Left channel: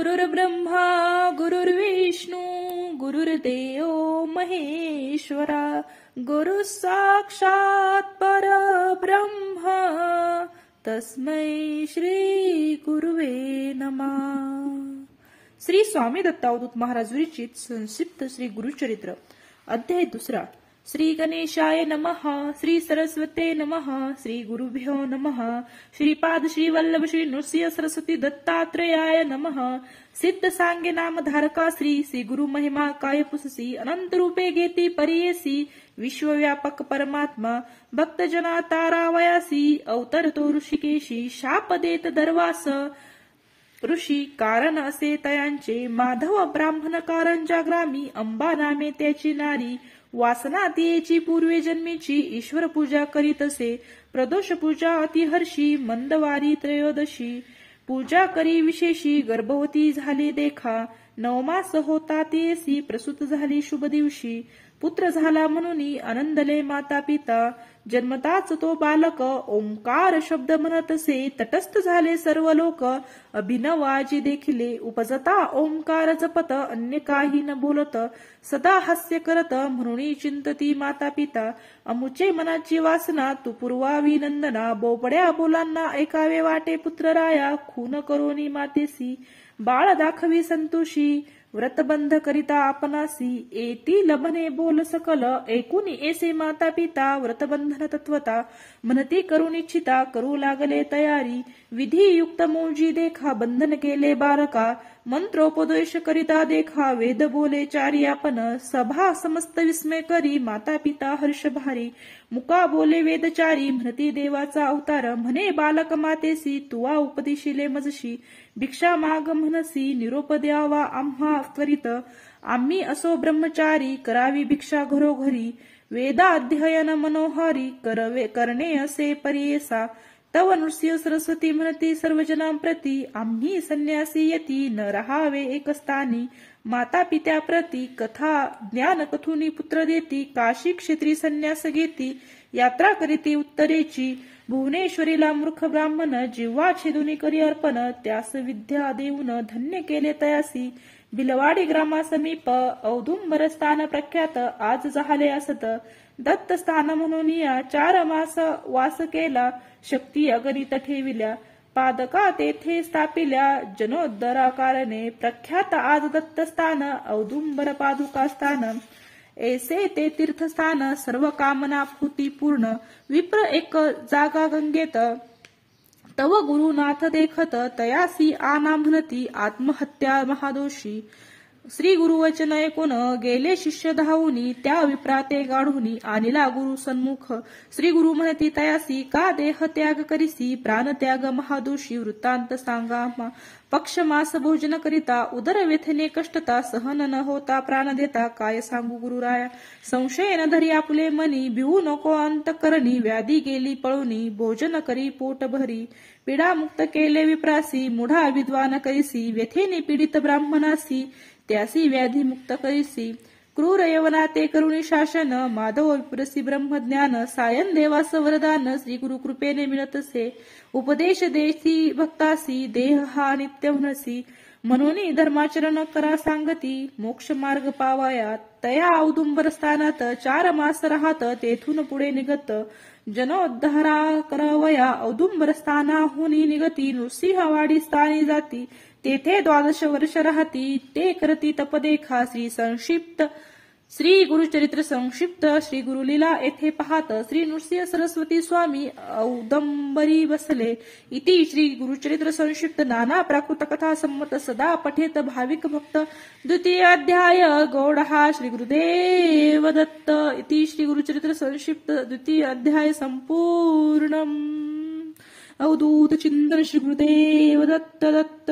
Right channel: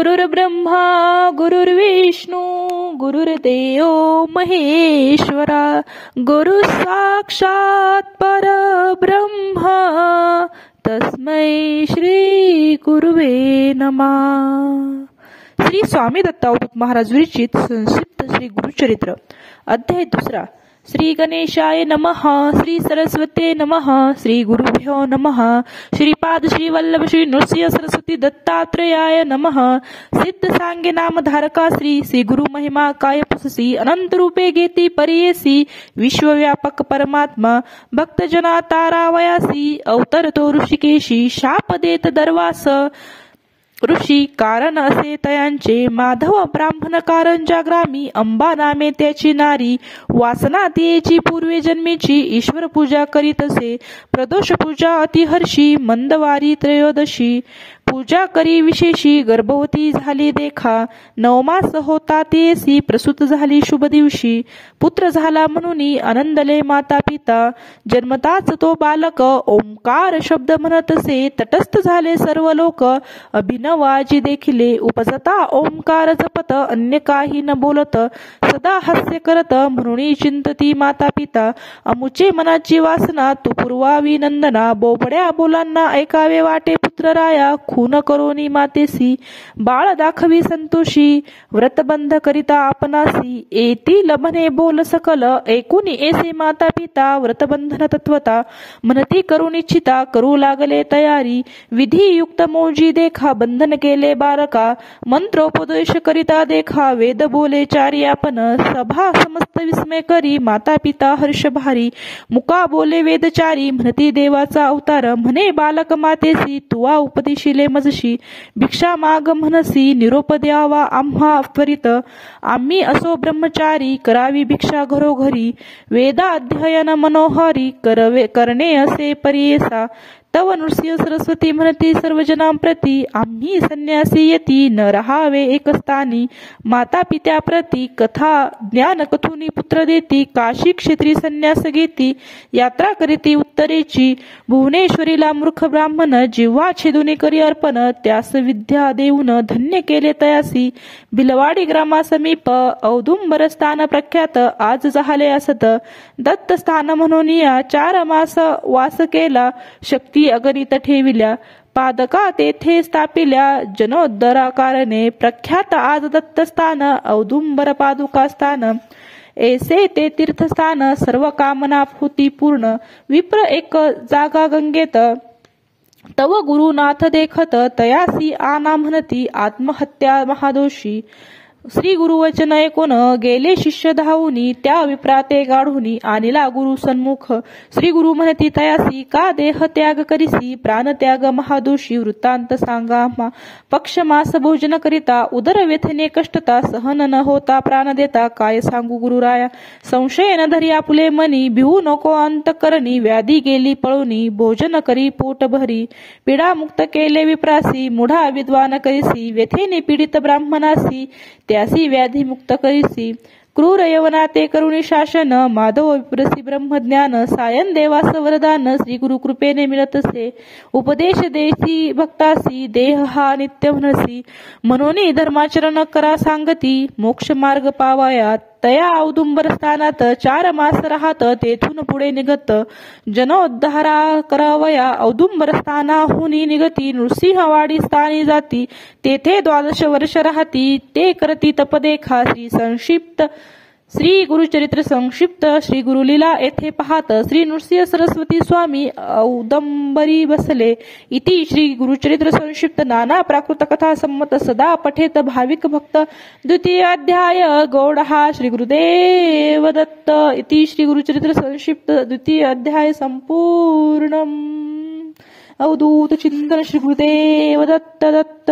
गुरुर्ब्रह्मा गुरुर्विष्णू गुरुर्देव महेश्वरा गुरु साक्षात परब्रह्म तस्मै श्री गुरुवे नमः। श्री स्वामी दत्त अवधूत महाराज विरचित संक्षिप्त श्री गुरुचरित्र अध्याय 2। श्री गणेशाय नमः। श्री सरस्वते नमः। श्री गुरुभ्यो नमः। श्रीपाद श्री वल्लभ श्री नृसिंह सरस्वती दत्तात्रेयाय नमः। सिद्ध सांगे नाम धारका श्री गुरु महिमा काय पुससी अनंत रूपे घेती परियेसी विश्वव्यापक परमात्मा भक्तजना तारावयासी अवतरतो ऋषिकेशी शाप देत दरवास ऋषी कारण असे तयांचे माधव ब्राह्मण कारंजा ग्रामी अंबा नामे त्याची नारी वासना तियेची पूर्वे जन्मेची ईश्वर पूजा करीत असे प्रदोष पूजा अतिहर्षी मंदवारी त्रयोदशी पूजा करी विशेषी गर्भवती झाली देखा नवमास होता तेसी प्रसूत झाली शुभ दिवशी पुत्र झाला म्हणून आनंदले माता पिता जन्मताच तो बालक ओंकार शब्द म्हणतसे तटस्थ झाले सर्व लोक अभिनवाजी देखिले उपजता ओंकार जपत अन्य काही न बोलत सदा हास्य करत म्हणून चिंतती माता पिता अमुचे मनाची वासना तू पुरवावी नंदना बोबड्या बोलांना ऐकावे वाटे पुत्र राया खून करोनी मातेसी बाळ दाखवी संतोषी व्रतबंध करिता आपणासी येतील म्हणे बोल सकल ऐकून ऐसे माता पिता व्रतबंधन तत्वता म्हणती करून इच्छिता करू लागले तयारी विधियुक्त मौजी देखा बंधन केले बालका मंत्रोपदेश करिता देखा वेद बोले चारी आपण सभा समस्त विस्मय करी माता पिता हर्ष भारी मुका बोले वेदचारी म्हणती देवाचा अवतार म्हणे बालक मातेसी तुवा उपदेशिले मजशी भिक्षा माग म्हणसी निरोप द्यावा आम्हा त्वरित आम्ही असो ब्रह्मचारी करावी भिक्षा घरोघरी वेदाध्ययन मनोहरी करणे असे परियेसा तव नृसिंह सरस्वती म्हणती सर्वजनांप्रती आम्ही संन्यासी येती न रहावे एकस्थानी माता पित्या प्रती कथा ज्ञान कथुनी पुत्र देती काशी क्षेत्री संन्यास घेती यात्रा करीती उत्तरेची भुवनेश्वरीला मूर्ख ब्राह्मण जिव्हा छेदुनी करी अर्पण त्यास विद्या देऊन धन्य केले तयासी बिलवाडी ग्रामासमीप औदुंबर स्थान प्रख्यात आज झाले असत दत्त स्थान म्हणून या 4 मास वास केला शक्ती अगणित ठेविल्या पादका तेथे स्थापिल्या जनोद्धरा कारणे प्रख्यात आज दत्तस्थान औदुंबर पादुका स्थान ऐसे ते तीर्थस्थान सर्व कामना होती पूर्ण विप्र एक जागा गंगेत तव गुरुनाथ देखत तयासी आना म्हणती आत्महत्या महादोषी श्री गुरुवचन ऐकून गेले शिष्य धावूनी त्या विप्राते गाढूनी आणिला गुरु सन्मुख श्री गुरु म्हणती तयासी का देह त्याग करिसी प्राण त्याग महादोषी वृत्तांत सांगा पक्ष मास भोजन करिता उदर व्यथने कष्टता सहन न होता प्राण देता काय सांगू गुरुराया संशय न धरी आपुले मनी भिवू नको अंतकरणी व्याधी गेली पळूनी भोजन करी पोट भरी पीडा मुक्त केले विप्रासी मुढा विद्वान करिसी व्यथेने पीडित ब्राह्मणासी त्यासी व्याधी मुक्त करिसी क्रूर यवनाते करुणी शासन माधव विप्रसी ब्रह्मज्ञान सायन देवास वरदान श्री गुरु कृपेने मिळतसे उपदेश देसी भक्तासी देह हा नित्य म्हणसी म्हणून धर्माचरण करा सांगती मोक्ष मार्ग पावाया तया औदुंबर स्थानात 4 मास राहत तेथून पुढे निघत जनोद्धारा करावया औदुंबर स्थानाहुनी निगती नृसिंहवाडी स्थानी जाती तेथे 12 वर्ष राहती ते करती तपदेखा श्री गुरुचरित्र संक्षिप्त श्री गुरुलीला येथे पाहत श्री नृसिंह सरस्वती स्वामी औदंबरी बसले इति श्री गुरुचरित्र संक्षिप्त नाना प्राकृत कथा संमत सदा पठेत भाविक भक्त द्वितीय अध्याय गौडहा श्री गुरुदेव दत्त इति श्री गुरुचरित्र संक्षिप्त द्वितीय अध्याय संपूर्णम अवधूत चिंतन श्री गुरुदेव दत्त दत्त।